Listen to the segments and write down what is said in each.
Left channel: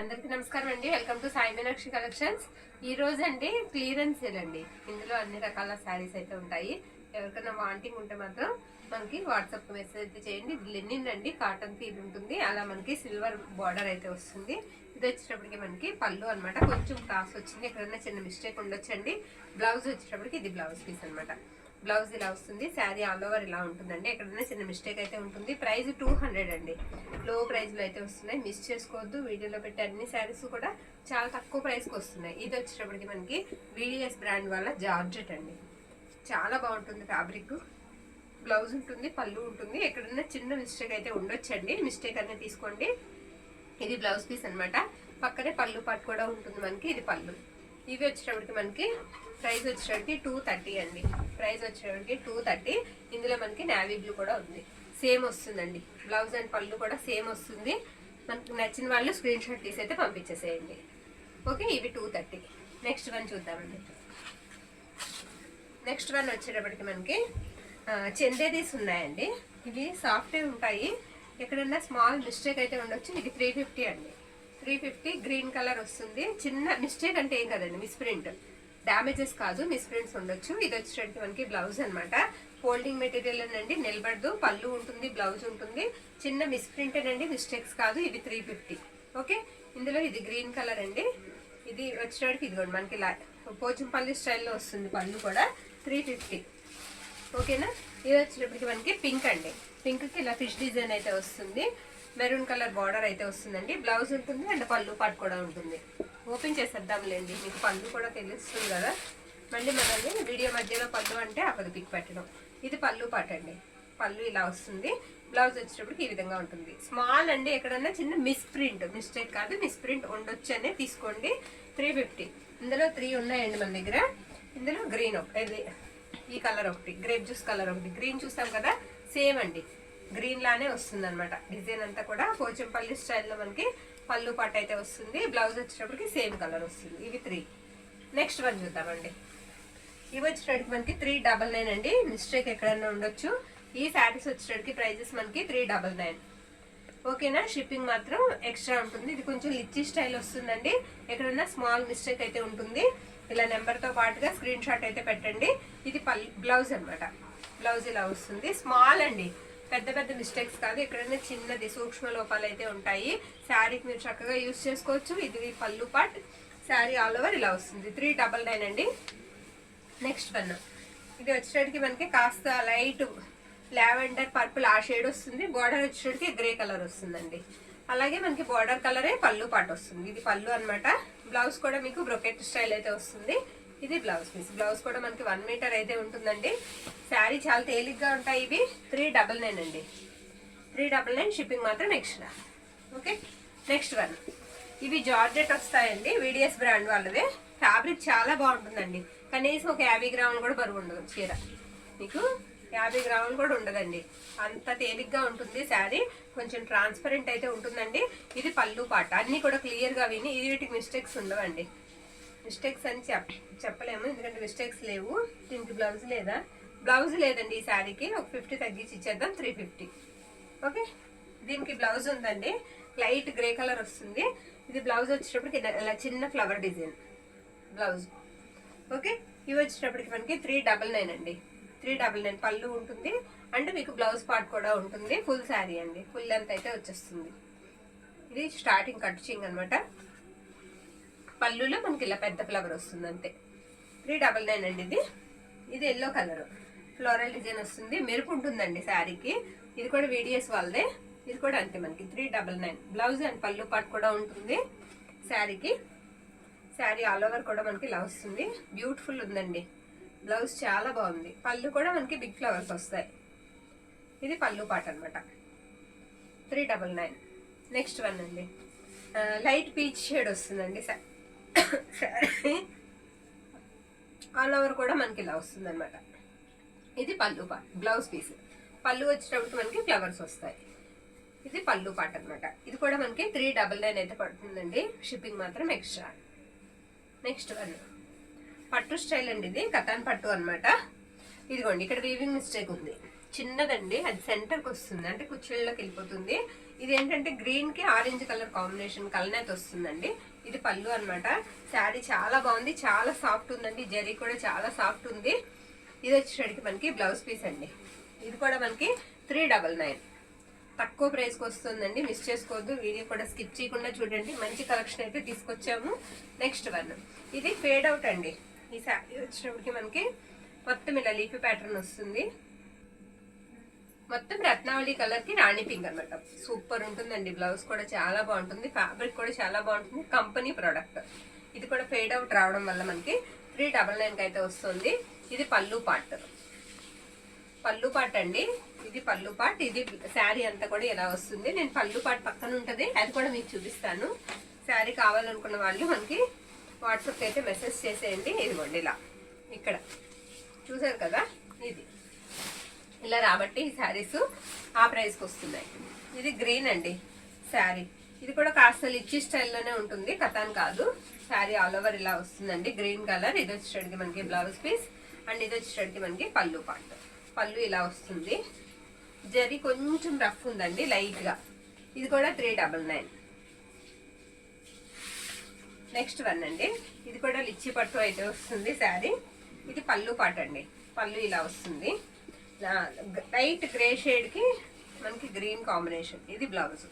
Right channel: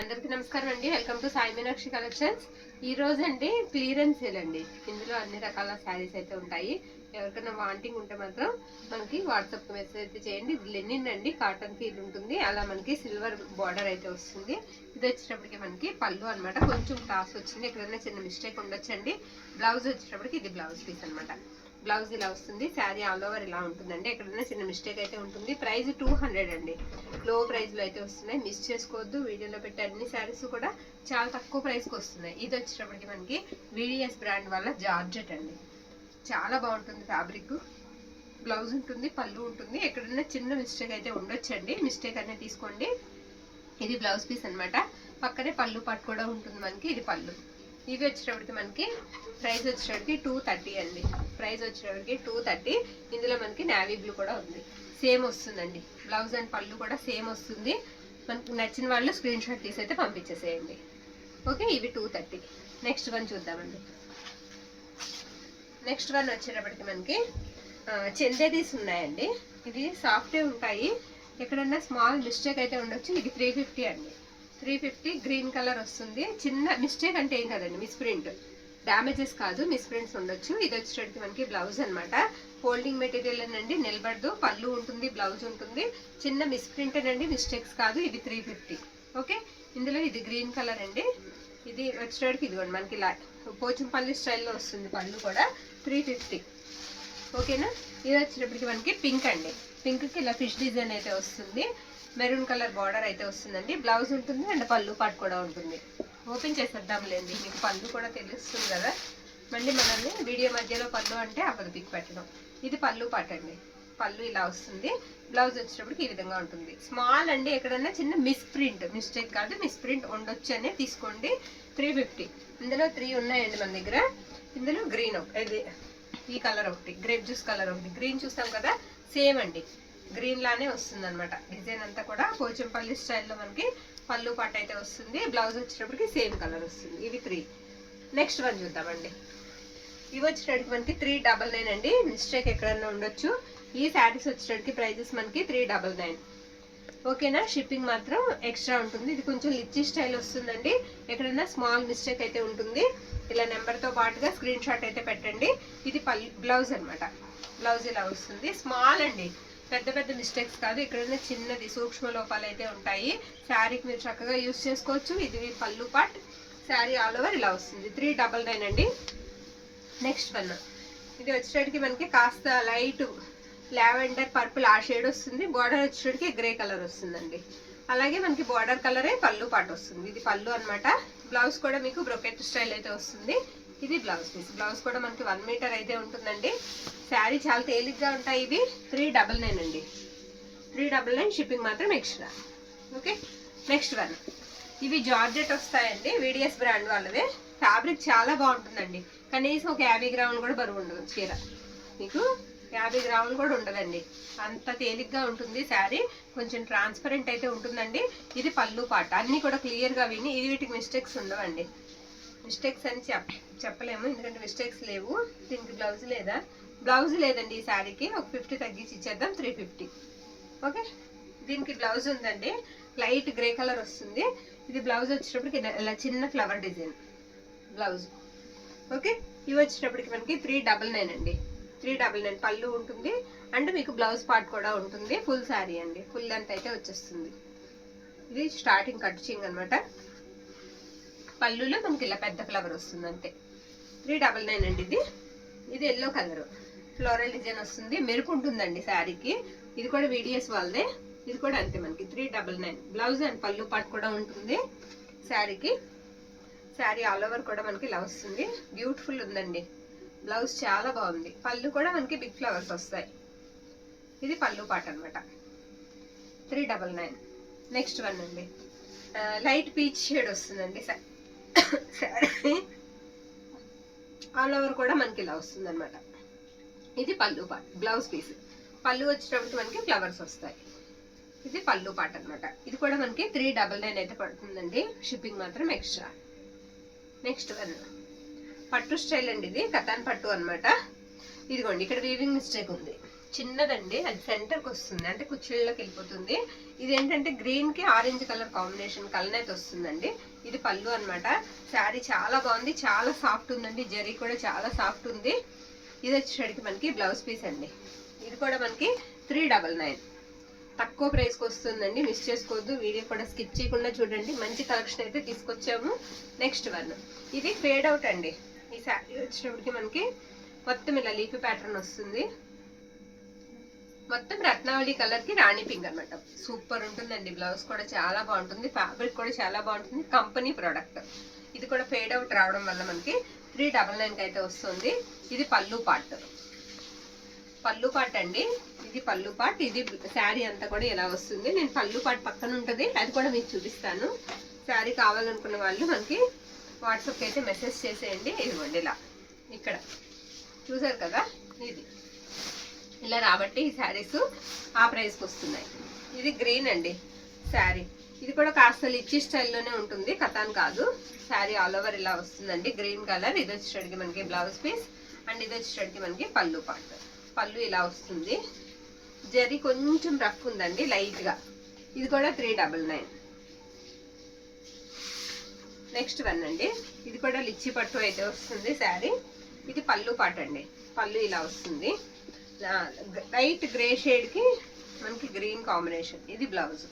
అందరికీ నమస్కారం అండి. Welcome to Sai Meenakshi collections. ఈ రోజు అండి క్లియరెన్స్ సేల్ అండి. ఇందులో అన్ని రకాల శారీస్ అయితే ఉంటాయి. ఎవరికైనా వాంటింగ్ ఉంటే మాత్రం మనకి వాట్సాప్ మెసేజ్ అయితే చేయండి. ఇది లెనిన్ అండి, కాటన్ ఫీల్ ఉంటుంది. అలా మనకి సిల్వర్ బార్డర్ అయితే వస్తుంది. ఇది వచ్చేటప్పటికి మనకి పళ్ళు అనమాట. కొంచెం క్రాస్ వచ్చింది, ఎక్కడైనా చిన్న మిస్టేక్ ఉండొచ్చండి. బ్లౌజ్ వచ్చేటప్పటికి ఇది బ్లౌజ్ పీస్ అనమాట. బ్లౌజ్ ఇలా వస్తుంది. శారీ ఆల్ ఓవర్ ఇలా ఉంటుందండి. ఎక్కడైనా చిన్న మిస్టేక్ అయితే ఉంటుంది. ప్రైస్ 200 అండి. లో ప్రైస్లో అయితే వస్తున్నాయి, మిస్ చేసుకోవద్దు. వీడియోలో పెట్టే అన్ని శారీస్ కూడా చాలా తక్కువ ప్రైస్కి వస్తున్నాయి. ఇది వచ్చేటప్పటికి మనకి VDS బ్రాండ్ వల్ల జార్జెట్ అండి. చాలా బాగుంటుంది ఫ్యాబ్రిక్. బ్లౌజ్ ఉంటుంది, పళ్ళు ఉంటుంది. ఎక్కడైనా చిన్న మిస్టేక్ అయితే ఉండొచ్చండి, మిస్టేక్ అనేది తీసుకోండి. ఇది బ్లౌజ్ పీస్ అనమాట. పక్కనే పళ్ళు పాటు కూడా ఉంటుంది మనకి. ఇది పళ్ళు. ఇవి వచ్చేటప్పటికి మనకి ప్రైస్ వచ్చేటప్పటికి 230 అండి. ప్రైస్ వచ్చేటప్పటికి 230. ఇందులో మనకి నావీ బ్లూ కూడా ఉంది. సేమ్ వస్తుందండి. బ్లౌజ్ అండ్ పళ్ళు కూడా సేమ్ వస్తుంది. మనకి నచ్చిన వాళ్ళు స్క్రీన్ షాట్ తీసి అయితే పంపించేసేయండి. ఓకే, ఇవి 230. నెక్స్ట్ వన్ చూద్దామండి. నెక్స్ట్ వన్ వచ్చేటప్పటికి మనకి చందేదీస్ ఉన్నాయండి. ఇవి సాఫ్ట్గా ఉంటాయి. ఎక్కడన్నా స్మాల్ మిస్టేక్ అయితే ఉండొచ్చు. ఇది 350 అండి. 350 గ్రీన్ కలర్ వస్తుంది. చిన్న మిస్టేక్ అంటే ఏం కదండి, మిస్ప్రింట్, డ్యామేజెస్ కాదు, మిస్ప్రింట్స్ ఉండొచ్చు. ఇది వచ్చేటప్పటికి మనకి బ్లౌజ్ అనమాట. ఫోల్డింగ్ మెటీరియల్ అనండి, నిలబడదు. పళ్ళు ఉంటుంది, బ్లౌజ్ ఉంటుంది. చిన్న మిస్ప్రింట్ అనండి, మిస్టేక్స్ కాదు. ఇది 350. ఓకే, ఇందులో ఇది గ్రీన్ కలర్ అండి. ఇది వచ్చేటప్పటికి ఇదిగోండి మనకి పోచంపల్లి స్టైల్లో వస్తుంది. పళ్ళు కూడా 350. ఓకేనా. ఇది వచ్చేటప్పటికి మనకి పింక్ అండి. పింక్కి ఇలా ఫిష్ డిజైన్ అయితే వస్తుంది. మెరూన్ కలర్ బార్డర్ అయితే వస్తుందండి. బ్లౌజ్ ఉంటుంది అండ్ పళ్ళు పాటు కూడా ఉంటుంది. ఓపెన్ చేసేద్దాంలేండి, మీకు పళ్ళు కూడా తెలుస్తుంది కదా. మళ్ళీ మనల్ని వీడియో మధ్యలో పళ్ళు అంటే అవ్వదు పిక్ పెట్టడం. ఇది పళ్ళు పాటు అండి. పళ్ళు ఇలా వస్తుంది. బ్లౌజ్ వచ్చేటప్పటికి ఈ విధంగా ఉంటుంది. స్మాల్ అండి, ఎక్కడన్నా చిన్న మిస్ప్రింట్, మిస్టేక్ కాదు, మిస్ప్రింట్ ఉండొచ్చు అనే తీసుకోండి. 350. ఇందులో 3 ఉన్నాయండి మన దగ్గర. ఇందులో గ్రీన్ ఇది, ఈ కలర్ ఒకటి, గ్రేప్ జ్యూస్ కలర్ ఒకటి. గ్రీన్ చూసాం కదా, సేమ్ అండి, గ్రీన్ లానే వస్తుంది అనమాట. డిజైన్ అంతా కూడా పోచంపల్లి స్టైల్లో మనకి పళ్ళు పాట అయితే వస్తుంది. బ్లౌజ్ వచ్చేటప్పటికి సేమ్ కలర్ వస్తుంది. ఇవి 3. నెక్స్ట్ వన్ చూద్దామండి. ఇవి వచ్చేటప్పటికి మనకి 399 అండి. మిస్టేక్ ఎక్కడన్నా ఉండొచ్చు. ఈ శారీస్ వచ్చేటప్పటికి ప్రైజెస్ మనకి 399. ఓకేనా. షిప్పింగ్ మాత్రం ఎక్స్ట్రా ఉంటుంది. ఇది కొంచెం లిచ్చి స్టైల్ వస్తుందండి. ఎక్కడన్నా స్మాల్ మిస్టేక్ అయితే ఉంటుంది. ఇలా నెంబర్తో పాటుగా స్క్రీన్ షాట్ అయితే పెట్టండి. ఇది బ్లౌజ్ అనమాట. బ్లౌజ్ ఇలా వస్తుంది. స్మాల్ అండి, పెద్ద పెద్ద మిస్టేక్స్ కాదు. ఎక్కడైనా చిన్నది సూక్ష్మ లోపాలు అయితే ఉంటాయి. శారీకి మీరు చక్కగా యూజ్ చేసుకోవచ్చు. ఇది పళ్ళు పార్ట్. శారీ ఆల్ ఓవర్ ఇలా వస్తుంది. 399 అండి. నెక్స్ట్ వన్, ఇది వచ్చేటికి మనకి కాస్త లైట్ లావెండర్ పర్పుల్ ఆ షేడ్ వస్తుంది. బార్డర్ వచ్చేటికి గ్రే కలర్ వస్తుందండి. అలాగే మనకి బార్డర్ కలరే పళ్ళు పాటు వస్తుంది. ఇది పళ్ళు అనమాట. బ్లౌజ్ కూడా మీకు బ్రొకెట్ స్టైల్ అయితే వస్తుంది. ఇది బ్లౌజ్ పీస్. బ్లౌజ్ కూడా మనకి 1 మీటర్ అయితే ఉంటుందండి. శారీ చాలా తేలిగ్గా ఉంటాయి. ఇవి 399 అండి. 399. షిప్పింగ్ మాత్రం ఎక్స్ట్రా. Okay, next one. ఇవి జార్జెట్ వస్తాయండి. VDS బ్రాండ్ వాళ్ళవే. ఫ్యాబ్రిక్ చాలా బాగుంటుందండి. కనీసం ఒక 50 గ్రాములు కూడా బరువు ఉండదు. చీర మీకు 50 గ్రాములు కూడా ఉండదండి. అంత తేలిగ్గా ఉంటుంది శారీ. కొంచెం ట్రాన్స్పరెంట్ అయితే ఉంటుందండి. ఇది పళ్ళు పాట. అన్నీ కూడా క్లియర్గా విని, ఇది వీటికి మిస్టేక్స్ ఉండవండి. మిస్టేక్స్ అని చెప్పలేము, ఎందుకంటే మిస్టేక్స్ లేవు. దీనికి బ్లౌజ్ లేదా? బ్లౌజ్ లేదండి. ఈ శారీకి ఒక 50 తగ్గించి ఇచ్చేద్దాం, 350. ఓకే, దీనికి బ్లౌజ్ ఉందండి. లైట్ గ్రే కలర్ వస్తుంది. ఇది బ్లౌజ్ వచ్చేటప్పటికి ఇలా చిన్న ఫ్లవర్ డిజైన్ బ్లౌజ్. ఓకే, ఇవి వచ్చేటప్పటికి మనకి 399 అండి. 399 పళ్ళు ఉంటుంది అండ్ మీకు బ్లౌజ్ పార్ట్ కూడా ఉంటుంది. ఫుల్ శారీ అండి. ఫుల్ లెంత్ అయితే వచ్చేస్తుంది. ఇది స్టార్టింగ్ కట్చింగ్ అనమాట. పళ్ళులో మనకి ఇలా పెద్ద ఫ్లవర్ వస్తుంది అంతే. 399 అండి. ఇది ఎల్లో కలర్ ఫ్లోరల్ డిజైన్ వస్తుంది. మెరుపు ఉంటుందండి శారీకి. ఇది కూడా VDS వాళ్ళదే. ఇది కూడా అంతే మనకి 399. బ్లౌజ్ అండ్ పళ్ళు పాటు కూడా ఉంటుంది శారీకి. శారీ ఆల్ ఓవర్ కూడా మనకి ఇలా వస్తుంది. బ్యూటిఫుల్ ఉందండి. బ్లౌజ్ చాలా బాగుంది. పళ్ళు కూడా మనకి బిగ్ ఫ్లవర్స్ వస్తాయి. ఇది పళ్ళు పాట అనమాట. 399. నెక్స్ట్ వన్ అండి. లైట్ పీచ్ షేడ్ వస్తుందండి శారీ. ఆల్ ఓవర్ కూడా మనకి ఇలా వస్తుంది అనమాట. ఇది పళ్ళు పాట. Blouse piece. పళ్ళు వచ్చేటప్పుడు మనకి ఫ్లవర్స్ వస్తాయి. ఇది పళ్ళు పాట అనమాట. ఇది కూడా మనకి 399 అయితే పడుతుందండి. షిప్పింగ్ మాత్రం ఎక్స్ట్రా. నెక్స్ట్ వన్ పట్టు స్టైల్ అండి. ఇది కతాన్ పట్టు అనమాట. ఇదిగోండి, ఇక్కడ వీవింగ్ మిస్టేక్ ఉంది. చిన్నదండి, అది సెంటర్కి వస్తుంది, అంటే కుర్చీళ్ళకి వెళ్ళిపోతుంది. ఇది ఏంటంటే గ్రీన్ కి ఆరెంజ్ కలర్ కాంబినేషన్ కలనైతే వస్తుందండి. ఇది పళ్ళు అన్నమాట. శారీ చాలా బాగుంది, చాలా సాఫ్ట్ ఉందండి, జరీ కూడా చాలా సాఫ్ట్ ఉంది. ఇది వచ్చేసరికి మనకి బ్లౌజ్ పీస్ అండి. ఇది కూడా మనకి 399, తక్కువ ప్రైస్కి వస్తుందండి, మిస్ చేసుకోవద్దు. వీడియో కూడా స్కిప్ చేయకుండా చూడండి, మంచి కలెక్షన్ అయితే తీసుకొచ్చాము. నెక్స్ట్ వన్, ఇది ఫేడ్ అవుట్ అండి. ఈ శారీ వచ్చినప్పటికి మనకి మొత్తం ఇలా లీఫీ ప్యాటర్న్ వస్తుంది, మొత్తం రత్నావళి కలర్ కి రాణి పింక్ అనమాట. సూపర్ ఉంటుందండి, బ్లౌజ్ కూడా చాలా బాగుంటుంది, ఫ్యాబ్రిక్ కూడా చాలా బాగుంటుంది, కంపెనీ ప్రోడక్ట్. ఇది కూడా ఫేడ్ అవుట్ రావడం వల్ల మనకి 399 అయితే వస్తుంది. ఇది పళ్ళు పార్ట్, పళ్ళు పార్ట్ అండి. ఇది పళ్ళు పార్ట్, ఇది శారీ అంతా కూడా ఇలా వస్తుంది. నేను పళ్ళు పార్ట్ పక్కన ఉంటుంది, అది కూడా మీకు చూపిస్తాను. శారీ కావాలనుకున్న వాళ్ళు మనకి వాట్సాప్కి అయితే మెసేజ్ చేసేయండి. ఇదిగోండి ఇలా ఇక్కడ చూసారు కదా, ఇది ఇలా రాబట్టి ఈ శారీస్ ఆ ప్రైస్కి వస్తున్నాయి. ఇది గ్రీన్ అండి శారీ, ఇది కూడా కాస్త లిచ్చి స్టైల్లోనే ఉంటుంది, కథాన్ కాదు. శారీ ఆల్ ఓవర్ ఇలా వస్తుందండి, గ్రీన్ కలర్. ఇది వచ్చేటికి మనకి బ్లౌజ్ పీస్, అండ్ ఇది వచ్చేటికి మనకి పళ్ళు పార్ట్. పళ్ళు ఇలా వస్తుంది, జరీ కొంచెం రఫ్ ఉందండి లైట్గా. ఇది కూడా 399. నెక్స్ట్ వన్ అండి, ఇది కూడా లిచ్చి పట్టు అయితే వస్తుంది శారీ. ఇది పళ్ళు పార్ట్ అండి, పళ్ళు ఇలా వస్తుంది, లైట్ గ్రే షేడ్ కి మనకి గ్రీన్ కాంబినేషన్. ఇది blouse.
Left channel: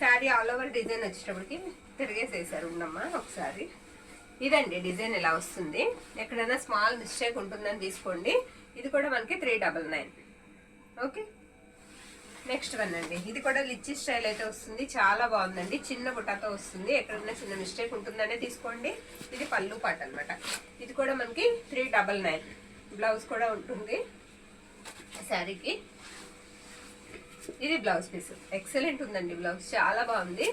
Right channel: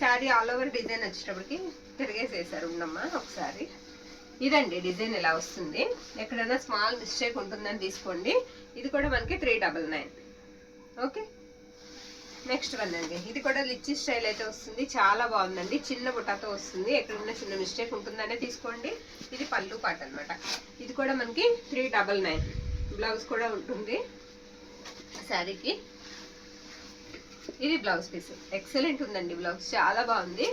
Sari all over design వచ్చేటప్పటికి తిరిగేసేసారు ఉన్నమ్మా ఒకసారి. ఇదండి డిజైన్ ఇలా వస్తుంది, ఎక్కడైనా స్మాల్ మిస్టేక్ ఉంటుందని తీసుకోండి. ఇది కూడా మనకి 399. ఓకే, నెక్స్ట్ వన్ అండి, ఇది కూడా లిచ్చి స్టైల్ అయితే వస్తుంది, చాలా బాగుందండి, చిన్న బుట్టాతో వస్తుంది, ఎక్కడైనా చిన్న మిస్టేక్ ఉంటుందనే తీసుకోండి. ఇది పళ్ళు పార్ట్ అనమాట. ఇది కూడా మనకి 399. బ్లౌజ్ కూడా ఉంటుంది శారీకి. ఇది బ్లౌజ్ పీస్, ఎక్సలెంట్ ఉందండి, బ్లౌజ్ చాలా బాగుంది.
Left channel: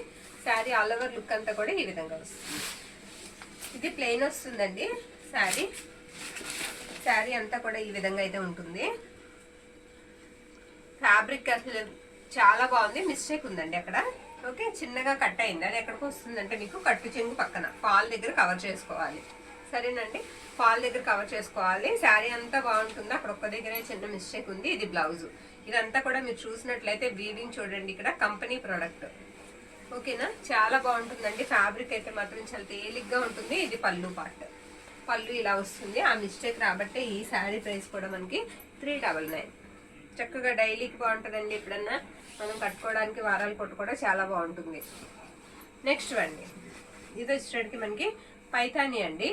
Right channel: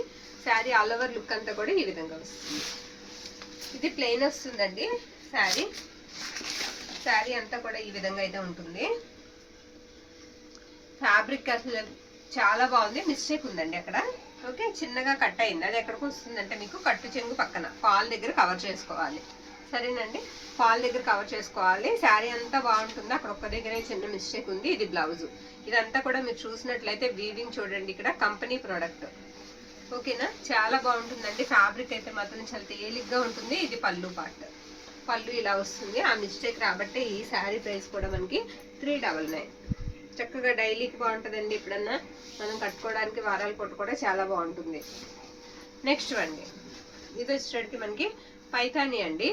శారీ ఆల్ ఓవర్ లుక్ అంతా కూడా ఈ విధంగా వస్తుంది. ఇది ప్లెయిన్ వస్తుందండి శారీ, శారీ అంతా కూడా ఈ విధంగా అయితే ఉంటుంది. ఫ్యాబ్రిక్ అసలు చాలా బాగుంది, మిస్టేక్ ఉందండి అక్కడ. ఓకే, చిన్నగా కట్ అయింది, అది ఎక్కడికి వస్తుందంటే మీకు కట్టు చెంగు పక్కన ఫాల్ దగ్గర కవర్ చేసుకోవాలి. సరేనండి, ఫాల్ దగ్గర కవర్ చేసుకోవాలి. శారీ అంతా బాగుంటుంది, అక్కడ ఒక్క దగ్గరే చిన్న మిస్టేక్ ఉంది. ఇది బ్లౌజ్. ఇదంతా కూడా మీరు చూసినట్లయితే వీవింగ్ చూడండి, ఇక్కడ కంపెనీ ప్రోడక్ట్. ఓకేనా, చాలా బాగుంటుందండి, ఫ్యాబ్రిక్ అయితే మాత్రం చాలా తేలిగ్గా ఉంటుంది. ఇది పళ్ళు పార్ట్, పళ్ళు ఇలా వస్తుంది. ఆ మిస్టేక్ రాబట్టే ఈ శారీ ప్రైస్ కూడా మనకి 399. చక్కగా డైలీకి బాగుంటుందండి, ఎప్పుడన్నా మనం కట్టుకోవడానికి, వారాలు కొట్టుకోవడం చాలా బాగుంటుంది. నెక్స్ట్ అండి, ఇది వచ్చేటికి మనకి పైతాని అండి.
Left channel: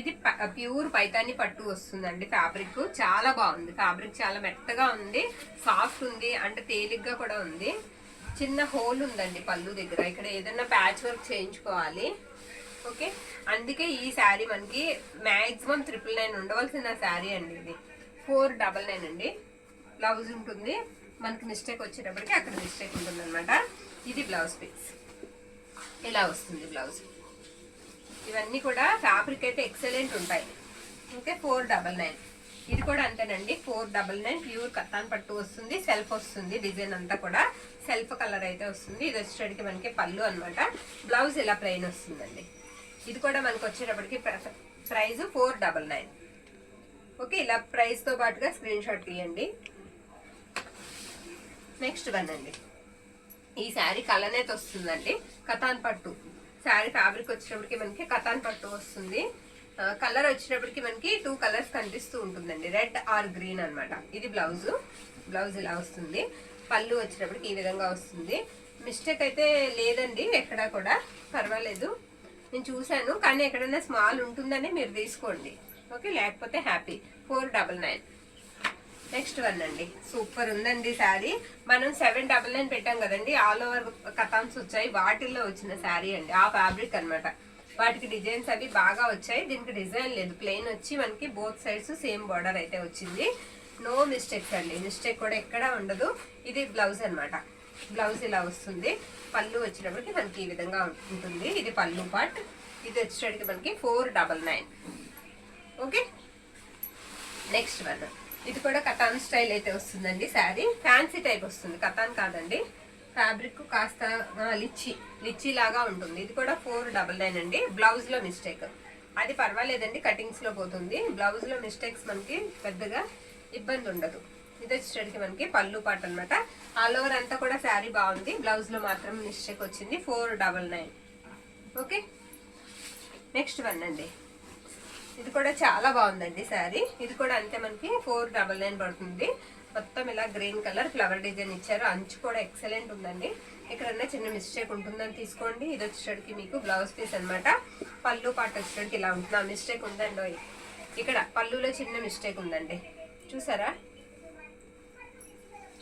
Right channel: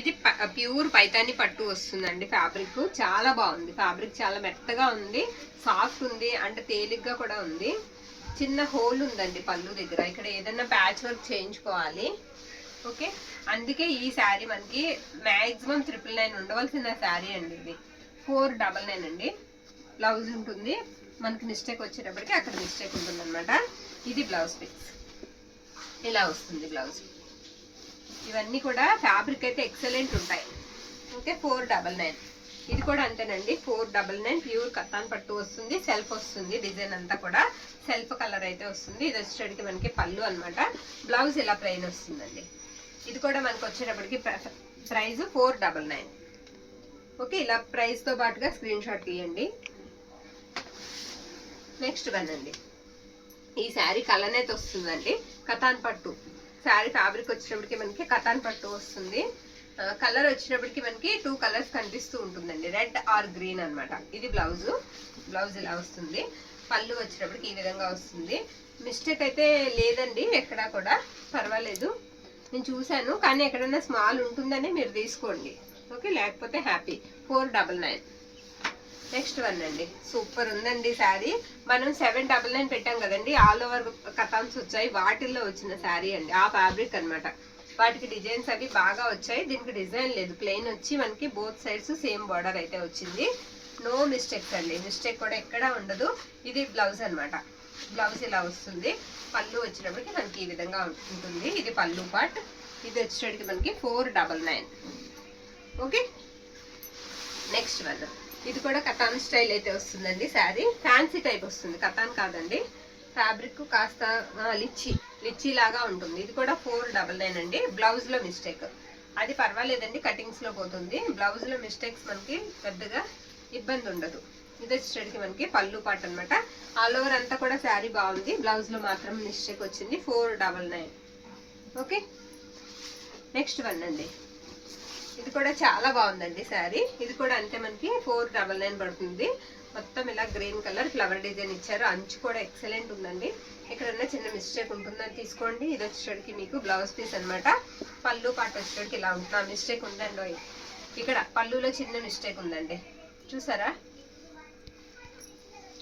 ఇది ప్యూర్ పైతాని పట్టు వస్తుందండి. ఫ్యాబ్రిక్ చాలా బాగుంది, ఫ్యాబ్రిక్ చాలా మెత్తగా ఉంది, సాఫ్ట్ ఉంది, అంటే తేలిగ్గా కూడా ఉంది. చిన్న హోల్ ఉందండి పళ్ళు దగ్గర, ఇక్కడ ఏదైనా ప్యాచ్ వర్క్ చేయించుకోవాలి. ఓకే, అందుకే ఈ శారీ మనకి మ్యాక్సిమం 999 ఉండవలసిన శారీ అండి. ఇది 499 అండి. బ్లౌజ్ ఉంటుంది, మనకి మిస్టేక్ వచ్చేటప్పటికి అక్కడ మిస్టేక్ ఉంటుంది అనమాట. ఇది బ్లౌజ్ పీస్ ఇలా వస్తుంది బ్లౌజ్. ఇవన్నీ కూడా ఫ్యాబ్రిక్ అయితే ఎక్సలెంట్ ఉంటాయి. ఓకే, 499. ఇది కూడా అంతేనండి, 499. ప్యూర్ కత్తాన్ పట్టు వస్తుంది, సెల్ఫ్ వస్తుంది, డిజైన్ అంతా కూడా సెల్ఫ్ కలర్ అయితే వస్తుంది. ఇది వచ్చేటికి మనకి పళ్ళు అనమాట. బ్లౌజ్ ఇలా ప్లెయిన్ వస్తుందండి. ఇది కూడా మనకు వచ్చేటప్పటికి ప్రైస్ 499. ఓకే, ఇలా ప్రైస్తో పాటుగా స్క్రీన్ షాట్ తీయండి. నెక్స్ట్ వన్ అండి, ఈ శారీ కలనేత వస్తుందండి, కతాన్ పట్టు శారీ. ఫ్యాబ్రిక్ వచ్చేటప్పటికి మనకి కతాన్ పట్టు వస్తుంది. కలర్ వచ్చేటప్పటికి మనకి 2 కలర్స్ కనిపిస్తూ ఉంటుందండి, రెడ్ ఆర్ గ్రీన్ అనమాట. ఇది బ్లౌజ్, బ్లౌజ్ ఇలా వస్తుంది. పళ్ళు వచ్చేటప్పటికి ఈ విధంగా వస్తుంది. మిస్టేక్ అయితే లేదండి ఎక్కడా కూడా, పర్వాలేదు, నేను చూశాను, కానీ ఎక్కడైనా స్మాల్ ఉంటుందని మీరు తీసుకోండి. ఓకే, లేకపోతే హ్యాపీ. 499. నెక్స్ట్ వన్ అండి, సూపర్ ఉందండి శారీ. మనం 799 పెట్టాం కదండి, ఆల్ ఓవర్ కథాన్స్ వచ్చాయి, వాటిల్లో వచ్చిన శారీ అండి. ఆ ఫ్యాబ్రిక్ అనమాట, వాటికి డిజైన్స్ అవి బాగా వచ్చాయి. దీనికి డిజైన్ లేదు, ప్లెయిన్ వచ్చి మనకి బోత్ సైడ్స్ సేమ్ బార్డర్ అయితే వచ్చింది. నో మిస్టేక్స్ అండి, మిస్టేక్ కూడా ఎక్కడా ఉండదు. ఇది బ్లౌజ్ అనమాట, బ్లౌజ్ ఇలా వస్తుంది. పళ్ళు వచ్చేటప్పటికి మనకి ఈ విధంగా ఉంటుంది. ఇది పళ్ళు పార్ట్. ఇది వచ్చేటప్పటికి మనకి 499. ఓకే, నెక్స్ట్ వన్, ఇది కూడా కథాన్ స్టైల్ అయితే వస్తుందండి శారీ. ఫ్యాన్సీ టైప్ వస్తుంది, కథాన్ కాదండి. ఫ్యాబ్రిక్ కాస్త లిచ్చి లాగా ఉంటుంది. ఇది కూడా 499 అండి. బ్లౌజ్ లో మిస్టేక్, అది పర్వాలేదండి, కటింగ్స్లో పోతుంది. బ్లౌజ్లో మిస్టేక్స్ మనకి పెద్దగా ఇబ్బంది ఉండదు. ఇది వచ్చేటికి మనకి పళ్ళు పాట అనమాట. ఆల్ ఓవర్ అంతా కూడా శారీ బాగుంది, బ్లౌజ్లో మాత్రం మిస్టేక్ వచ్చింది. 499. ఓకే, నెక్స్ట్ వన్ అండి. ఇది కూడా చాలా బాగుందండి శారీ. ఇది కూడా అంతే మనకి 499 పడుతుంది. మొత్తం ఇలా గ్రీన్ కలర్ ఫ్లవర్ డిజైన్ ఇచ్చారు. అంచు కూడా ఎక్సలెంట్ ఉందండి. ఎక్కడన్నా చిన్న మిస్టేక్ ఉంటుందని తీసుకోండి. ఇది వచ్చేటికి మీకు బ్లౌజ్ పీస్ అనమాట. పళ్ళు పాట వచ్చేటికి ఇలా ఉంటుంది. ఆ మిస్టేక్ ఉందండి, ఇక్కడ పళ్ళులో చిన్న మిస్టేక్ ఉందండి, చూసారా?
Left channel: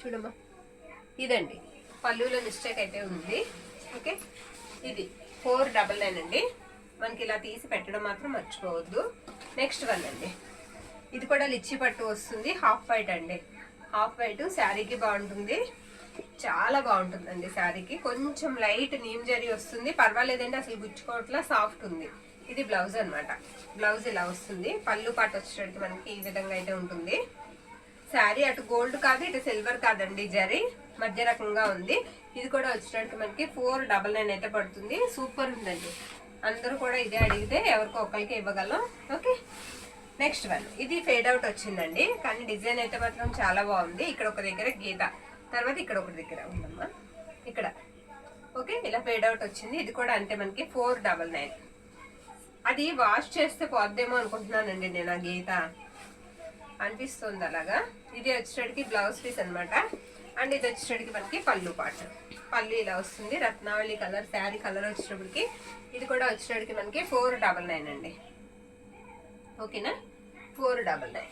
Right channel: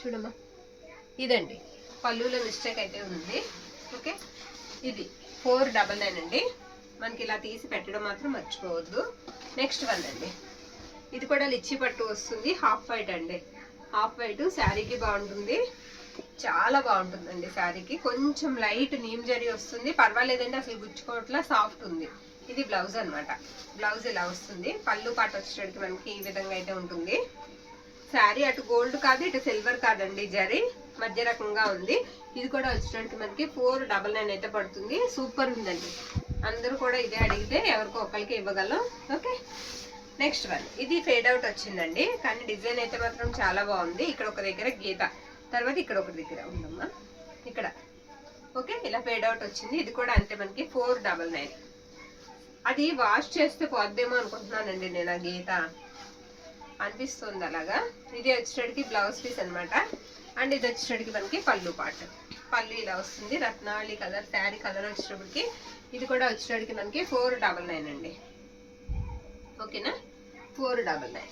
చూడమ్మా, ఇదండి పళ్ళులో మిస్టేక్ అయితే ఉంది. ఓకే, ఇది 499 అండి. మనకి ఇలా తీసి పెట్టడం మాత్రం మర్చిపోవద్దు. నెక్స్ట్ వన్ అండి. ఇది కూడా లిచ్చి పట్టు వస్తుంది, హాఫ్ వైట్ అండి. హాఫ్ వైట్ శారీకి బాగుంటుంది, చాలా బాగుంటుందండి శారీకి. కొంచెం లైట్ నీమ్ జరీ వస్తుంది, పర్వాలేదండి, అసలు గుచ్చుకోవట్లా, సాఫ్ట్ ఉంది. ఇది బ్లౌజ్ అనమాట. బ్లౌజ్ ఇలా వస్తుంది. పళ్ళు పాట వచ్చేటికి మనకి ఈ విధంగా అయితే ఉంటుంది. శారీ అటు గోల్డ్ కాదు, ఇటు సిల్వర్ కాదండి, జరీ మధ్య రకంగా ఉంది. ఇది కూడా వచ్చేటికి మనకి 499 అయితే పడుతుంది. సూపర్ ఉందండి. అందరూ కూడా ఇదే అడిగితే ఎవరికో ఒకరికి ఇవ్వగలం. Okay, next one. ఇది ఫేడ్ అవుట్ వచ్చిందండి, కానీ డిజైన్ అయితే మాత్రం చాలా బాగుంది. ఇక్కడ ఒక దగ్గర గీత, తర్వాత ఇక్కడ ఒక దగ్గర ఉందమ్మా, ఇక్కడ. ఓకే, ఇలా ఫేడ్ అవుట్ వచ్చింది. ఇది కూడా అంతే మనకి 499. అది వాష్ చేస్తే పోద్దేమో అనుకుంటున్నానండి నేను, ఆ గీత అనిపిస్తుంది అలాగా. ఇది వచ్చేటికి బ్లౌజ్ పీస్ అనమాట. అండ్ ఇది వచ్చేటికి మనకి పళ్ళు పాట. పళ్ళు ఇలా వస్తుంది, రత్నావళి కలర్ శారీ కలర్ వచ్చేటప్పటికి. ఇది కూడా వచ్చేటికి మనకి 499 అండి. ఓకేనా, 499.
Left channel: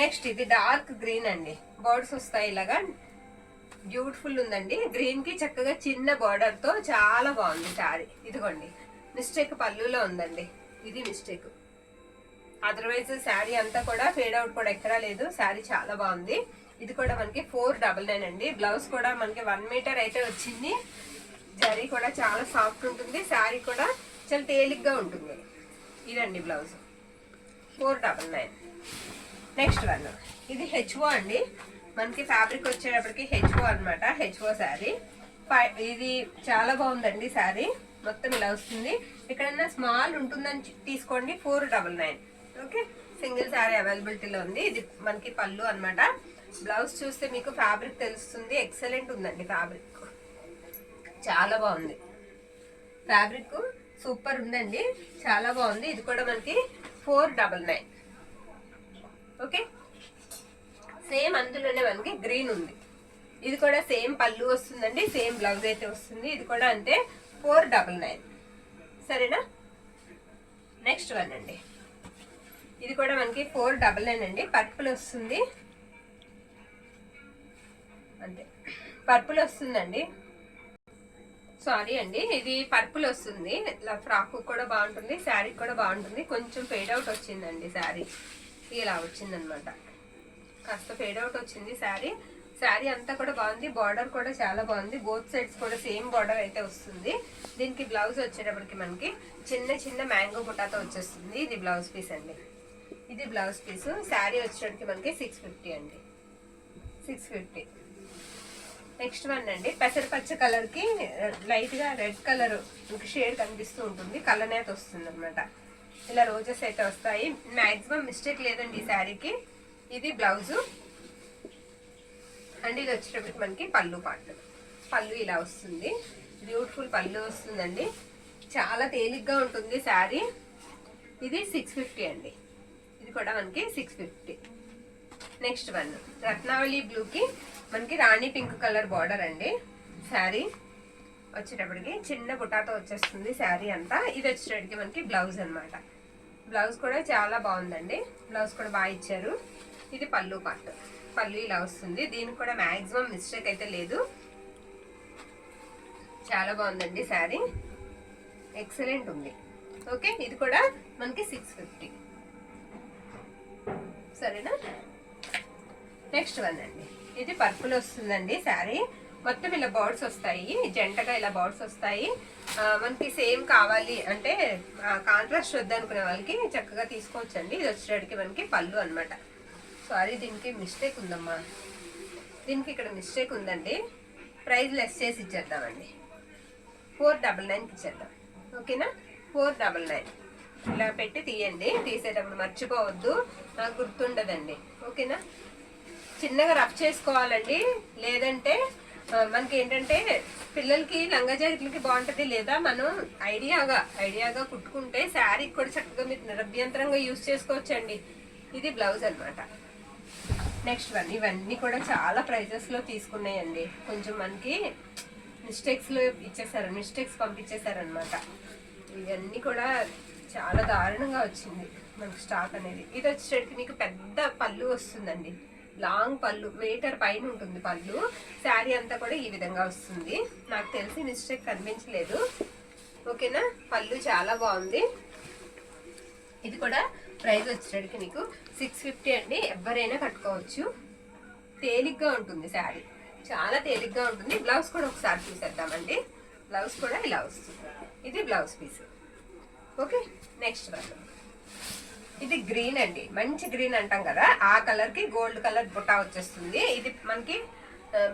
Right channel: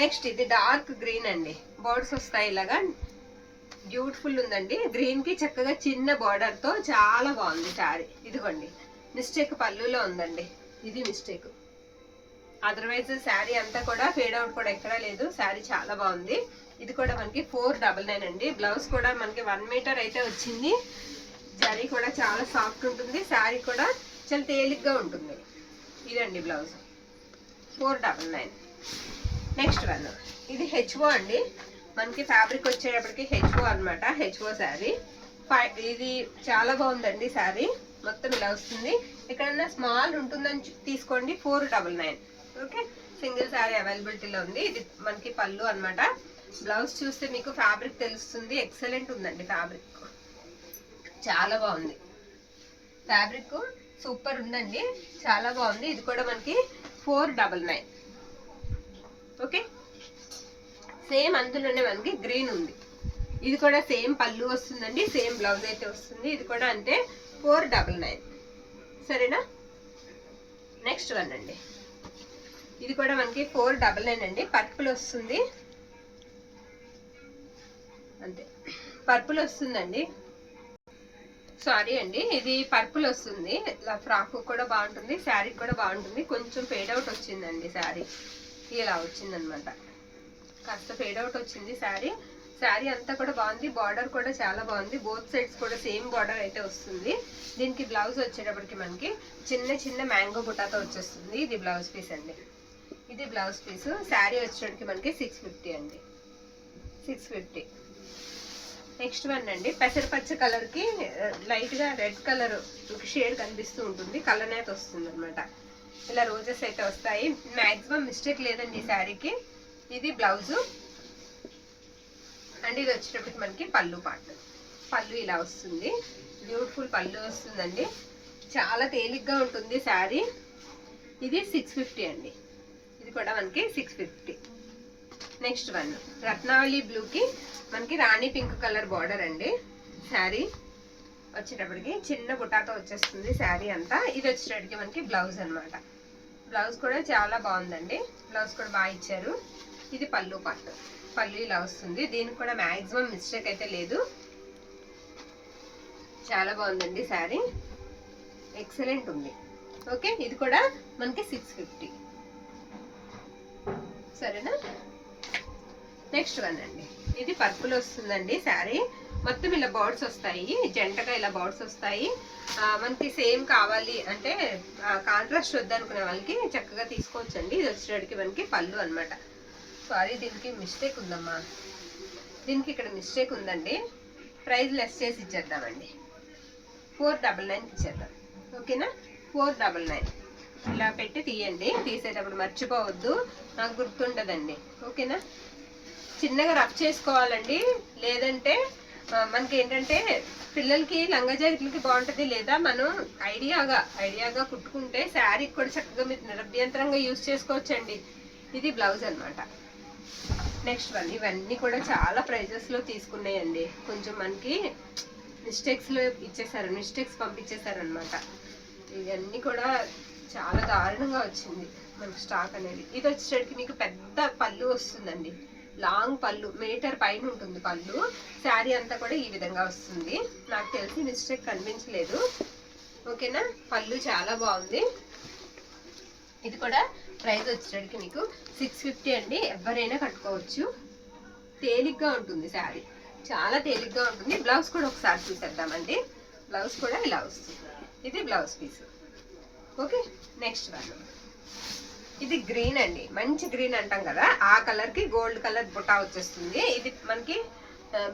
నెక్స్ట్ ఇది డార్క్ గ్రీన్ అండి. బర్డ్స్ వస్తాయి ఇలాగా, బ్యూటిఫుల్ ఉందండి. గ్రీన్ కి చక్కగా చిన్న బార్డర్ తో చాలా బాగుంది శారీ. ఇదిగోండి, మిస్టేక్ పళ్ళులో ఉందండి, ఇది మిస్టేక్. అదర్వైజ్ శారీ అంతా కూడా ఫేడ్ అవుట్ కూడా ఎక్కడా లేదు. శారీ చాలా బాగుంది. ఇది కూడా మనకి 499 అండి. బ్లౌజ్ కూడా మనకి 1 మీటర్ అయితే వచ్చింది. జరీ కూడా చాలా సాఫ్ట్ ఉంటుంది, శారీ కూడా చాలా తేలిగ్గా ఉంటుంది. ఇదండి బ్లౌజ్, 499. Next one. ఇది హెచ్ఓ అండి. మనకి ఫ్యాబ్రిక్ వచ్చేటప్పటికి హెచ్ఓ అనమాట, హెచ్ఓ శారీ. ఇది చాలా బాగుందండి శారీ. మొత్తం ఇలా వస్తుంది. ఎక్కడన్నా స్మాల్ ఉంటుందని తీసుకోండి, 499. ఓకే, సింగిల్ శారీ అవైలబిలిటీలో ఉంది. ఇది మనకి పళ్ళు అనమాట. బ్లౌజ్ చూస్తే మీకు ఫ్యాబ్రిక్ తెలుస్తుంది. ఎక్సలెంట్ ఉందండి ఫ్యాబ్రిక్, చాలా బాగుంది. ఫ్యాబ్రిక్ సూపర్ ఉందండి, చాలా బాగుంది. ఇది కూడా మనకి 499. ఓకే, సేమ్ అందులోనే మనకి గ్రీన్ ఉంది. ఇది కూడా సేమ్ పళ్ళు వస్తుందండి, సేమ్ బ్లౌజ్ అయితే వస్తుంది. ఇది కూడా అంతే 499. సరేనా, నెక్స్ట్ వన్ అండి. ఇది కూడా మనకి 499 అండి. పర్పుల్ వస్తుంది, అంతే పర్పుల్ వస్తుందండి. సారీ అండి, ఇది పర్పుల్ వస్తుంది. ఇలా ఫ్రాక్ కూడా బాగుంటుంది, శారీ కూడా బాగుంటుంది. కొంచెం ఫేడ్ అవుట్ వచ్చిందండి శారీ, ఇలా వచ్చిందనమాట. కాస్త ఫేడ్ అవుట్ వచ్చింది శారీ. శారీ అంతా కూడా బాగుంది, బార్డర్ కూడా చాలా బాగుంది. బోత్ సైడ్స్ కూడా సేమ్ బార్డర్ అయితే వస్తుంది. దీనికి బ్లౌజ్ వచ్చేటప్పటికి మనకి చిన్న చిన్న మ్యాంగో బుటాతో వచ్చేస్తుంది. ఇది బ్లౌజ్ పీస్ అండి, ఇది బ్లౌజ్ పీస్. శారీ వచ్చేటప్పటికి మనకి 650 అండి, 650. నెక్స్ట్ వన్ అండి. పెసరపచ్చ కలర్కి లైట్గా రెడ్ కలర్ షేడ్ కనిపిస్తూ ఉంటుంది, కలర్ అయితే వస్తుంది అనమాట. ఇలా రోజెస్ అయితే వస్తాయి. మ్యాక్సిమం మిస్టేక్ లేదండి ఈ శారీకి. ఇది బ్లౌజు అండ్ ఇది వచ్చేటప్పటికి మనకి పళ్ళు పార్ట్. పళ్ళు ఇలా వస్తుంది, బ్యూటిఫుల్ పళ్ళు వస్తుందండి. చాలా తేలిగ్గా ఉంటుంది శారీ. ఇది 650 అండి. ఇది కూడా మనకి 650. నెక్స్ట్ వన్ రత్నావళి బ్లూకి మనకి రాణి పింక్ కలర్ బార్డర్ అండి. శారీ వచ్చేటప్పటికి చిన్న బుటాతో వచ్చేస్తుంది శారీ అంతా. ఇది వచ్చేటప్పటికి మనకి బ్లౌజ్ అనమాట. బ్లౌజ్ కూడా చాలా బాగుందండి, బ్లౌజ్ కూడా బాగా ఇచ్చారు. ఇది పళ్ళు పార్ట్. పళ్ళు ఇలా వస్తుంది. దీనికి కూడా మ్యాక్సిమం మిస్టేక్ అయితే లేదు, చాలా బాగుందండి శారీ, ఎక్సలెంట్ ఉంది. ఓకే, ఇది కూడా మనకి 650. సరేనా, నెక్స్ట్ వన్ అండి. ఇది పర్పుల్ వస్తుందండి శారీ. మొత్తం ఇలా బర్డ్స్ వస్తాయి, జంటగా ఇలా బర్డ్స్ వస్తాయి. మనకి సేమ్ కావాలి అంటే కాంట్రాస్ట్ వద్దనుకునే వాళ్ళకి చక్కగా తీసుకోవచ్చండి. ఇది వచ్చేటికి మనకి పళ్ళు అనమాట. సారీ, దీనికి మిస్టేక్ ఉందమ్మా, దీనికి ఇక్కడ మిస్టేక్ ఉందండి. ప్రైస్ లెస్ చేసి ఇచ్చేద్దామండి, 499కి ఇచ్చేద్దాం. ఓకేనా, 499. ఇలా పెట్టి తీయండి, తీసేటప్పుడు మర్చిపోవద్దు, నాకు గుర్తుండదండి. ఓకేనా? చిన్నగా రఫ్ చేసుకోవాలండి, లేదంటే మనకి ఏంటంటే పిల్లలకి లంగా జాకెట్లకి బాగుంటుంది. లేదా మనం ఐడియాగా కుట్టుకుంటే శారీ కూడా చక్కగా మీరు నిరభ్యంతరంగా యూజ్ చేసుకోవచ్చండి. ఇది బ్లౌజ్ అనమాట. నెక్స్ట్ వన్, ఇవన్నీ కూడా చాలా ప్రైజెస్లో తీసుకున్నాయండి. కొంచెం మనకి మిస్టేక్స్ పంపించేశారనమాట. ఇవన్నీ కూడా చాలా దారుణంగా వచ్చింది మనకి స్టాక్ అనేది. ఇది వచ్చేసరికి మీకు పెద్ద పళ్ళు వస్తుందండి, లాంగ్ పళ్ళు, మీటర్ పైన ఉంటుంది పళ్ళు. శారీ అంతా కూడా ఈ విధంగా వస్తుంది. నాకు తెలిసి మిస్టేక్ కనిపించలేదు. ఓకేనా? పళ్ళు చాలా బాగుంది. ఇది కూడా ప్రైస్ వచ్చేసరికి మీకు 650 అండి. ఎవరైనా కట్టుకోవచ్చు, తేలిగ్గా ఉంటుంది శారీ, చాలా తేలిగ్గా ఉంటుంది. బ్లౌజ్ కూడా ఒకసారి చూసేద్దామండి. బ్లౌజ్ కూడా ఇలా వస్తుంది. ఇది blouse piece. Okay, next one, ఇది గ్రీన్ అండి, మంచి గ్రీన్ అంటాం కదా, ఆ కలర్కి గోల్డ్ కలర్ బుట్టా వచ్చేస్తుంది. ఇది మనకి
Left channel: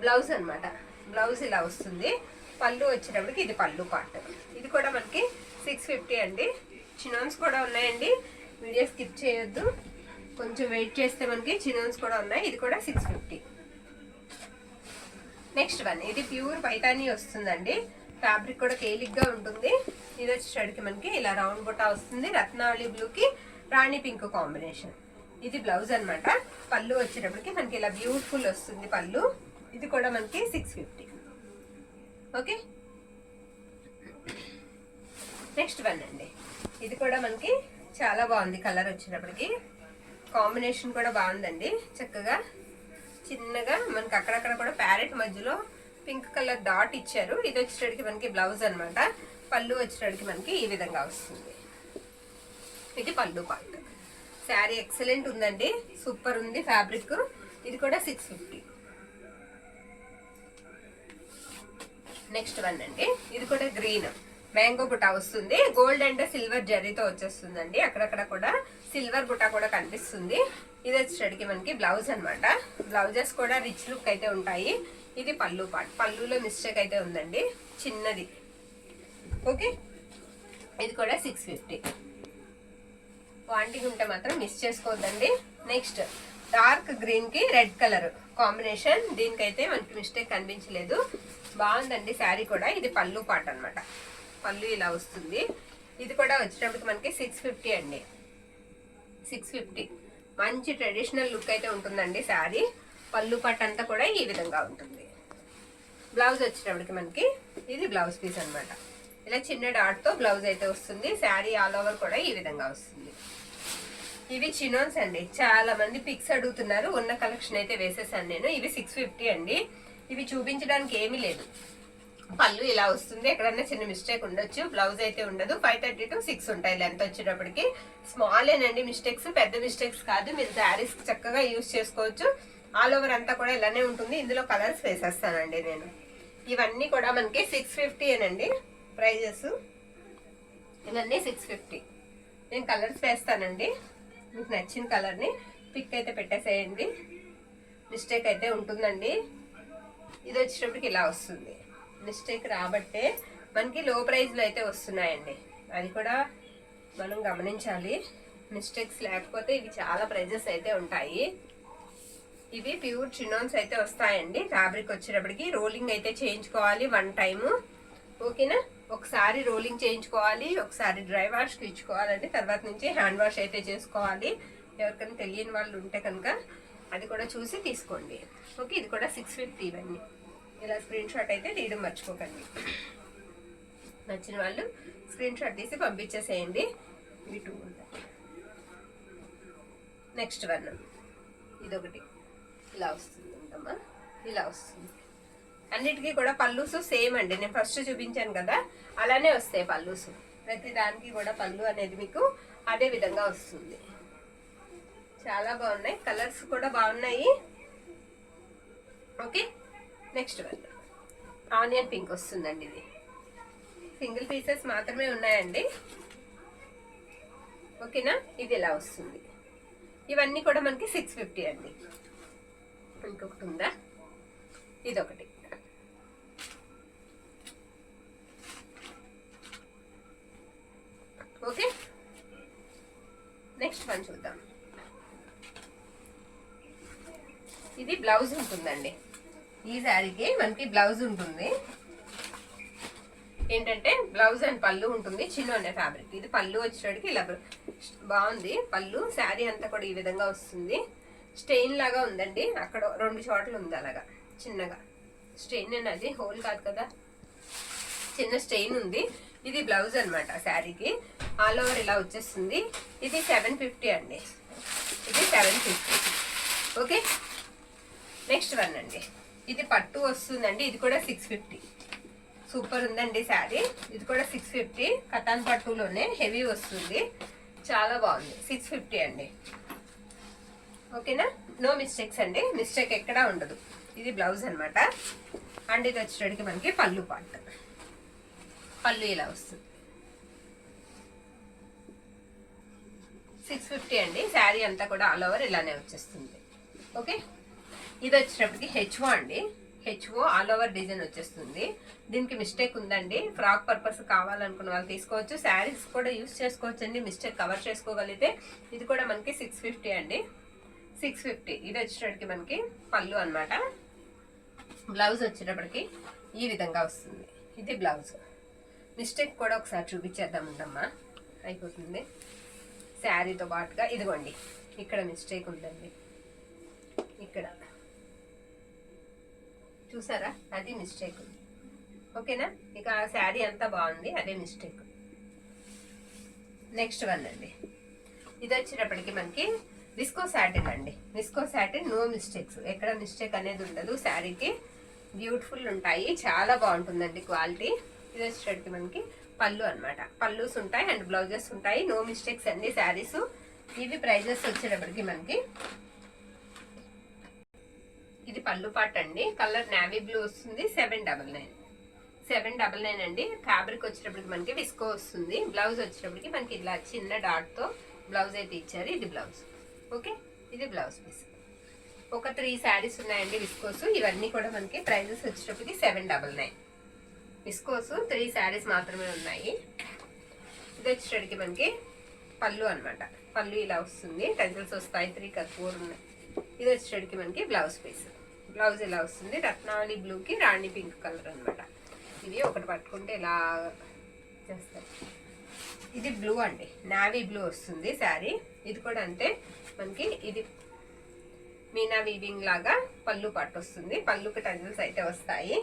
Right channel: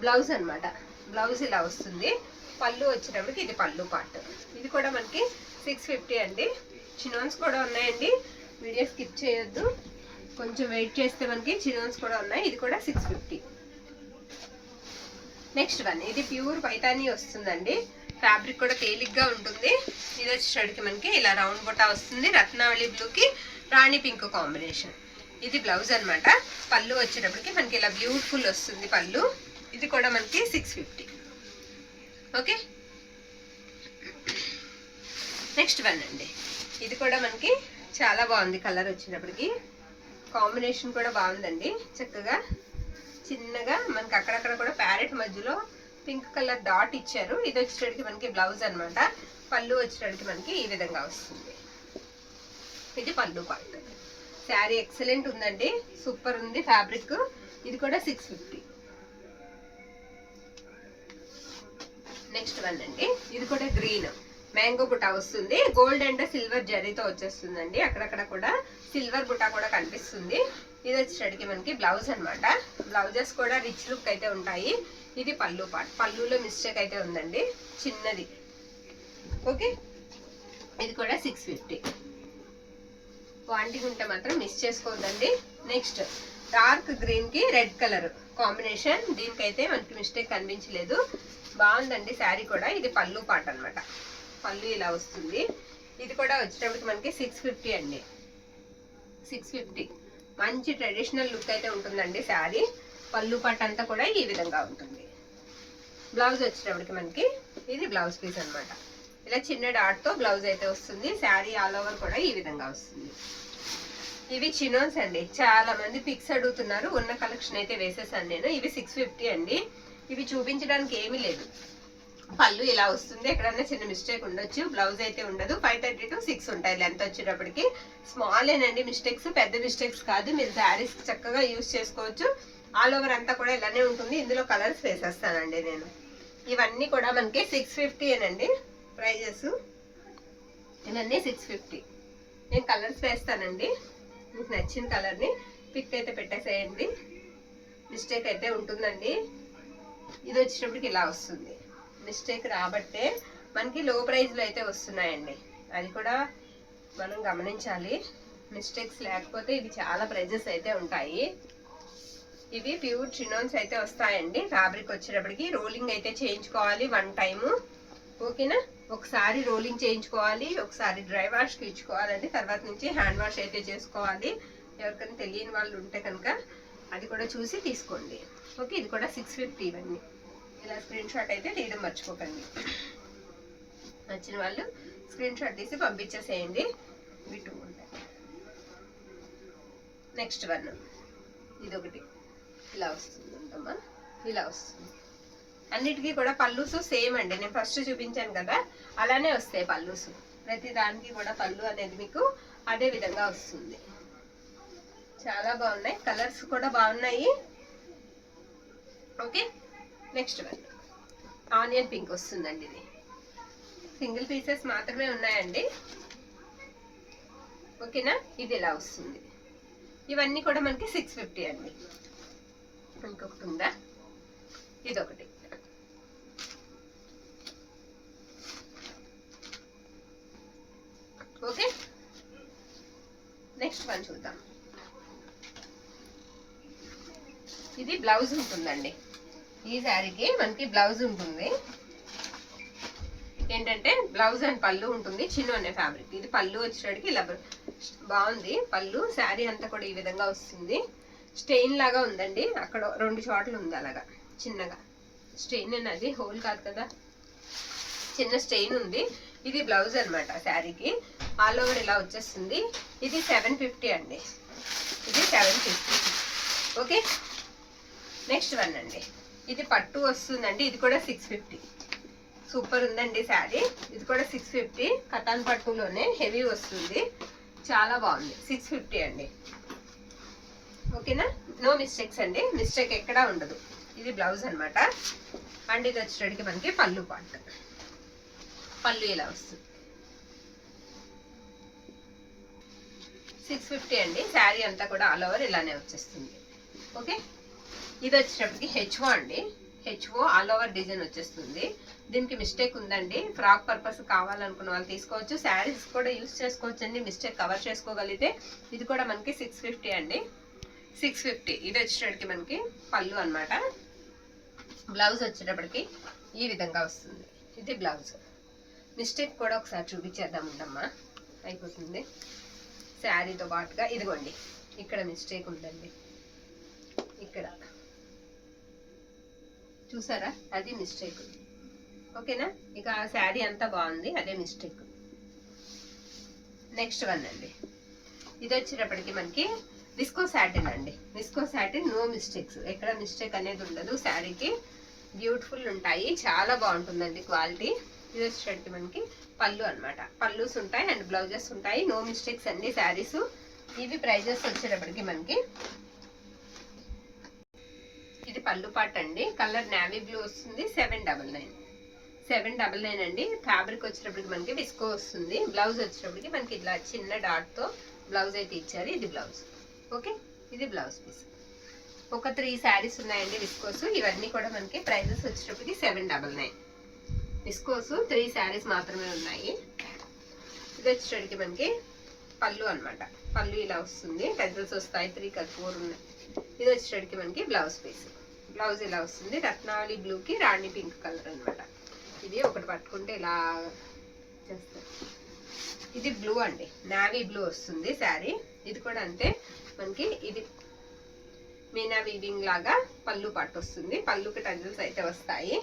బ్లౌజ్ అనమాట. బ్లౌజ్ ఇలా వస్తుంది. పళ్ళు వచ్చేటప్పటికి ఇది పళ్ళు పార్ట్. ఇది కూడా మనకి 650 అండి. చినోన్స్ కూడా ఉన్నాయండి, వీడియో స్కిప్ చేయొద్దు, కొంచెం వెయిట్ చేస్తే మనకి చినోన్స్ కూడా ఉన్నాయి. ఇది కూడా 650. నెక్స్ట్ వన్, ఇది ప్యూర్ పైతానీ వస్తుందండి. ఫ్యాబ్రిక్ కూడా తేలిగ్గా ఉంటుంది. ఇది వచ్చేసరికి మనకి ఇలా రౌండ్ బుట్టా వస్తుంది, రత్నావళి బ్లూకి రాణి పింక్ కాంబినేషన్. ఇది బ్లౌజ్ అనమాట. పళ్ళు వచ్చేటప్పటికి మనకి ఇలా బ్యూటిఫుల్ వస్తుంది పళ్ళు. ఇది కూడా మనకి 650. ఓకే, నెక్స్ట్ వన్ అండి, ఇది కూడా మనకి చాలా బాగుంది. కలర్ వచ్చేటప్పటికి కాంబినేషన్ కూడా బాగుందండి. చక్కగా చిన్నగా మనకి అక్కడక్కడ కూడా ప్యారెట్ మధ్యలో పింక్ కలర్ డాట్ ఇచ్చారు. ఇది వచ్చేటప్పటికి మనకి బ్లౌజ్ అనమాట. పళ్ళు వచ్చేటప్పటికి మనకి ఈ విధంగా వస్తుంది. ఇది పళ్ళు పార్ట్. శారీ ఎక్సలెంట్ ఉందండి, సూపర్ ఉంది ఫ్యాబ్రిక్. ఇది కూడా 650. నెక్స్ట్ వన్ అండి, ఇది కూడా గ్రీన్ మ్యాంగో బుటా వస్తుంది. గోల్డ్ అండ్ సిల్వర్ జరీతో వచ్చేస్తుందండి. అక్కడక్కడ కూడా సిల్వర్ బుటా కూడా కనిపిస్తుంది. ఇది వచ్చేసరికి మనకి బ్లౌజ్ అనమాట. బ్లౌజెస్ కూడా రిచ్ లుక్ అయితే ఉంటాయి. ఇది పళ్ళు పార్ట్. పళ్ళులో మిస్టేక్ అయితే ఉందండి, చిన్నది. ఓకే, ఇది కూడా 650. క్వాంటిటీ ఉంటే మాత్రం మిస్ చేసుకోవద్దండి. నెక్స్ట్ డార్క్ గ్రీన్ కి రెడ్ కలర్ కాంబినేషన్. దీనికైతే మనకి మిస్టేక్ కనిపించలేదు, బాగుందండి శారీ కూడా. ఇది పళ్ళు పార్ట్ అనమాట. పళ్ళు ఇలా వస్తుంది. ఇది కూడా వచ్చేటప్పటికి మనకి 650 అండి. 650. మంచి ట్రెడిషనల్ లుక్ అయితే ఉంటుందండి శారీ. పళ్ళు పార్ట్ అంతా కూడా ఈ విధంగా ఉంటుంది. బ్లౌజ్ వచ్చేటప్పటికి మనకి ఇది బ్లౌజ్ పీస్ అనమాట. ఇలా చిన్న డాట్తో బ్లౌజ్ అయితే వస్తుంది. శారీ ఆల్ ఓవర్ కూడా ఈ విధంగా వస్తుంది. ఇవి చినోన్స్ అండి, చాలా మంది పిక్స్ అడుగుతున్నారు. ఉన్న కలెక్షన్ అయితే వేసేసాను నేను. ఇవి 650 అండి. ఇవి చూపించడానికి ఏమీ లేదు. పళ్ళు ఇలా వస్తుంది, ఎక్కడన్నా చిన్న మిస్టేక్ ఉండొచ్చు. బ్లౌజ్ అయితే ఉండదు. 530 to 6 ఉంటాయి లెంత్ వచ్చేటప్పటికి. స్మాల్ ఏనండి మిస్టేక్స్, పెద్ద మిస్టేక్స్ కాదు. మీరు శారీస్ చక్కగా యూజ్ చేసుకోవచ్చు. ఆల్ ఓవర్ అంతా కూడా ఇలానే ఉంటుంది. ఇందులో కలర్స్ వేసేస్తానండి నేను. ఇవన్నీ కూడా మనకి 650 ఏనండి ప్రైజెస్. ఇవన్నీ 650. నేను కలర్స్ వేస్తానండి, మీకు నచ్చిన కలర్ని పిక్ అయితే పెట్టేసేయండి. మిస్టేక్ అయితే ఉంటుందండి. ఇది వచ్చేటప్పటికి ఇలా వస్తుంది. మిస్టేక్ రాబట్టే మనకి లో ప్రైజ్లో అయితే వస్తున్నాయండి, అది కూడా మనం గమనించాలి. మిస్టేక్స్ లేకపోతే ఇవి చాలా ప్రైజెస్ అయితే ఉంటాయి. ఇవి ప్యూర్ చినోన్స్ అయితే వస్తాయండి. ఫ్యాబ్రిక్ వచ్చేటప్పటికి రోలింగ్ అయితే చేయించుకోవాలి 1 టైము. ఓకేనా? ఒకసారి రోలింగ్ చేయించుకోవాలి, ఒకసారి డ్రై వాష్కి ఇచ్చుకోవాలండి. తర్వాత నుంచి హ్యాండ్ వాష్ అయితే చేసుకోవాలి. ఎవరికైనా తెలియని వాళ్ళు ఉంటే కనుక అది కూడా చూసి తీసుకోండి. ఓకే, ఇది కూడా 650. ఇవన్నీ ఇలా స్క్రీన్ షాట్ అయితే తీయడం మర్చిపోకండి. నచ్చిన వాళ్ళు స్క్రీన్ షాట్ తీసి పంపించేసేయండి. ఇవి 2 ఉంటాయి. నెక్స్ట్ వన్, ఇదొకటి ఇలా వస్తుంది అంటమ్మా, ఇలా వస్తుంది. అన్నిటికీ కూడా పళ్ళుసు సేమ్ అండి. నేను ఫస్ట్ చూపించాను కదా, అలానే వస్తాయి పళ్ళుసు. ప్రతి దానికి కూడా పళ్ళు అనేది మీకు అదే విధంగా వస్తుంది. చాలా బాగున్నాయి, కలర్స్ కూడా బాగున్నాయి. Okay, next one onion pink వస్తుందండి. ఇది సింగిల్ పీసెస్ మాత్రమే ఉన్నాయండి. ఓకేనా? ఇది ఇలా వస్తుంది. ఇవన్నీ కూడా మనకి 650 అండి. ఇంకొకటి ఉందా, ఇదొకటి. ఓకే, నెక్స్ట్ వన్ చూద్దాం. ఇది బ్లౌజ్ ఉంటుందండి. ఈ శారీకి మనకి బ్లౌజ్ ఉంటుంది. ఏంటంటే బ్లౌజ్ అండ్ పళ్ళు ఉంటుంది. చిన్న అనే ఫ్యాబ్రిక్. ఇది పళ్ళు వచ్చేటికి ఇలా బాగుంది. పళ్ళు శారీ అంతా కూడా ఈ విధంగా వస్తుంది. స్టెయిన్ లాగా ఉందండి. అక్కడ 2 చోట్ల ఉంది అలాగా చిన్నగా స్టెయిన్ అనేది, హోల్ కాదు కదా, చిన్న స్టెయిన్ ఉంది. ఇది బ్లౌజ్ అనమాట. శారీకి ఆల్ ఓవర్ ఇలా వచ్చేస్తుంది. ఇది 750 అండి. ఇది 750. ఓకే, నెక్స్ట్ వన్ అండి. ఇది పట్టు వస్తుందండి. ఇది కూడా 650. సూపర్ ఉందండి శారీ. ఇది కూడా 650. కటాన్ పట్టులోనే హెవీ వస్తుంది. చాలా బాగుంది. 650 అండి. ఓకేనా, నో మిస్టేక్స్ అండి. మిస్టేక్ ఎక్కడా ఉండదు. ఇది బ్లౌజ్ అనమాట. అండ్ ఇది వచ్చేటికి మనకి పళ్ళు పార్ట్. పళ్ళు ఇలా వస్తుంది. 650 అండి. శారీ అంతా కూడా ఆల్ ఓవర్ ఇలానే వచ్చేస్తుంది. ఓకే, ఇది వచ్చేటప్పటికి హెచ్ఓ అండి. హెచ్ఓ ఆల్ ఓవర్ డిజైన్ వచ్చేస్తుంది. దీనికి మిస్టేక్ ఉందండి. ఫ్రాక్ పర్పస్ కావాలనుకున్న వాళ్ళు తీసుకోవచ్చు. శారీస్ కూడా యూస్ చేసుకోవచ్చు అండి. మిస్టేక్ కవర్ చేసుకోగలిగితే. ఇది కూడా మనకి 650 అండి. 650. ఇది వచ్చేటప్పటికి మనకి పళ్ళు అనమాట. బ్లౌజ్ వచ్చేటప్పటికి ఈ విధంగా వస్తుంది. ఇది బ్లౌజ్. మిస్టేక్ కూడా ఒకసారి చూపించేద్దాం ఉండమ్మా, అయిపోతుంది. శారీతో పాటుగా ఇదిగోండి, ఇక్కడ మిస్టేక్ ఉందండి. ఇక్కడ చూసారా, అది మిస్టేక్. ఓకేనా, ఇక ఆ శారీ అంతా బాగుంది, అదే మిస్టేక్. నెక్స్ట్ వన్ అండి. ఇది వచ్చేటప్పటికి మనకి విస్కో సాటిన్ అండి. Visco satin, no mistakes. ఎక్కడ మిస్టేక్ అనేది ఉండదు. శారీకి బ్యూటిఫుల్ ఉంటాయి. చాలా బాగుంటుందండి క్వాలిటీ. ఇది వచ్చేటప్పటికి మనకి పళ్ళు అనమాట. పళ్ళుస్ ఉంటాయి అండ్ బ్లౌజెస్ ఉంటాయి. నో మిస్టేక్స్ అండి శారీస్. ఇవి ప్రైజెస్ వచ్చేటప్పటికి మనకి, ఇది పళ్ళు పాట్ అండి. కలర్ నావీ బ్లూ వస్తుంది. 799. 799 అండి. ఫ్యాబ్రిక్ వచ్చేటప్పటికి మనకి విస్కో వస్తుంది. బ్లౌజ్ వచ్చేటప్పటికి మనకి ఇలా చిన్న డాట్తో బ్లౌజ్ అయితే ఇచ్చారు. ఇది బ్లౌజ్. ఓకే, ఇది బ్లౌజ్ పీస్. ఒక 3 శారీస్ ఉన్నాయండి విస్కోస్. ఇవన్నీ కూడా మనకి ప్రైజెస్ వచ్చేటప్పటికి 799. విస్కోస్ 3 శారీస్ మాత్రమే ఉన్నాయి. ఇది వచ్చేటప్పటికి మనకి పళ్ళు అనమాట. పళ్ళు ఇలా వస్తుంది. టెజల్స్ వస్తాయి. 3 కాదు 4 ఉన్నాయి. ఇది వచ్చేటప్పటికి మనకి బ్లౌజ్ పీస్. బ్లౌజ్ ఇలా వస్తుంది. రత్నావళి బ్లూకి రాణి పింక్ కలర్ అనమాట. ఇది ఒకటి పట్టుకుంటే ఇలా చేస్తారు. ఇది బ్లూ అండి. నావీ బ్లూ వస్తుంది శారీ. ఇది కూడా అంతే మనకి. ఇది మీనా వీవింగ్ లాగా పళ్ళు పట్టు వస్తుంది. పళ్ళుకి టజల్స్ అయితే వస్తాయి.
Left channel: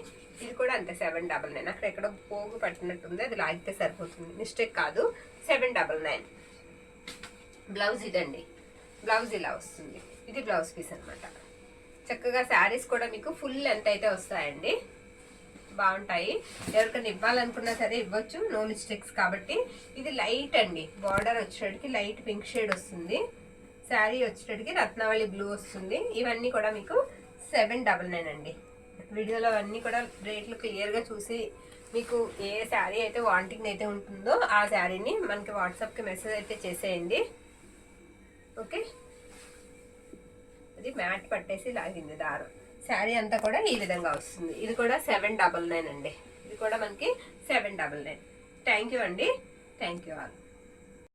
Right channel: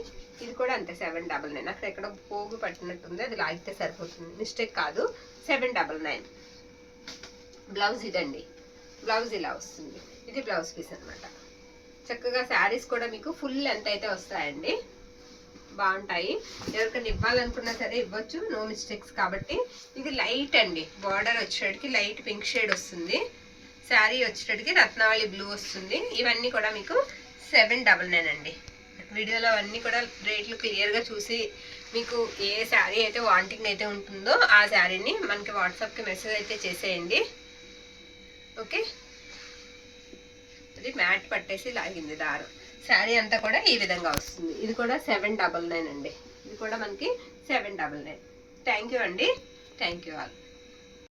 ఇది కూడా అంతే 799. అక్కడ ఎక్కడో పోగు పట్టినట్టుంది, అది లాగితే సరిపోతుంది. మిస్టేక్ కాదు. 799. బ్లౌజ్ ఇదండి. బ్లౌజ్ ఇలా వస్తుంది. ఇది బ్లౌజ్ పీస్ అనమాట. చక్కగా శారీస్ కూడా మీకు ఫుల్ లెంత్ అయితే వస్తాయండి. బాగుంటాయి. ఎవరికైనా ఇవ్వాలనుకున్నా సరే ఇవ్వచ్చు. నో మిస్టేక్స్ కాబట్టి. ఇది లైట్ అండి. బార్డర్ వచ్చేటికి లైట్ పింక్ షేడ్ వస్తుంది. శారీ వచ్చేటికి రత్నావళి బ్లూ వస్తుంది. ఇవన్నీ కూడా మీకు 799 అండి. వీడియోలో అవన్నీ కూడా రేట్లు క్లియర్గా చూసి మీకు ఏ శారీ అయితే వాంటింగ్ అయితే ఉంటుందో ఆ శారీని మనకి వాట్సాప్కి మెసేజ్ అయితే చేసేయండి. ఓకే, అది మ్యాట్ పట్టేసి లాగింది దారం. శారీ అంతా కూడా ఈ విధంగా వస్తుంది. ఇది కూడా 799 అండి. ఇది కూడా మనకి 799. థ్యాంక్ యూ అండి. Thank you all.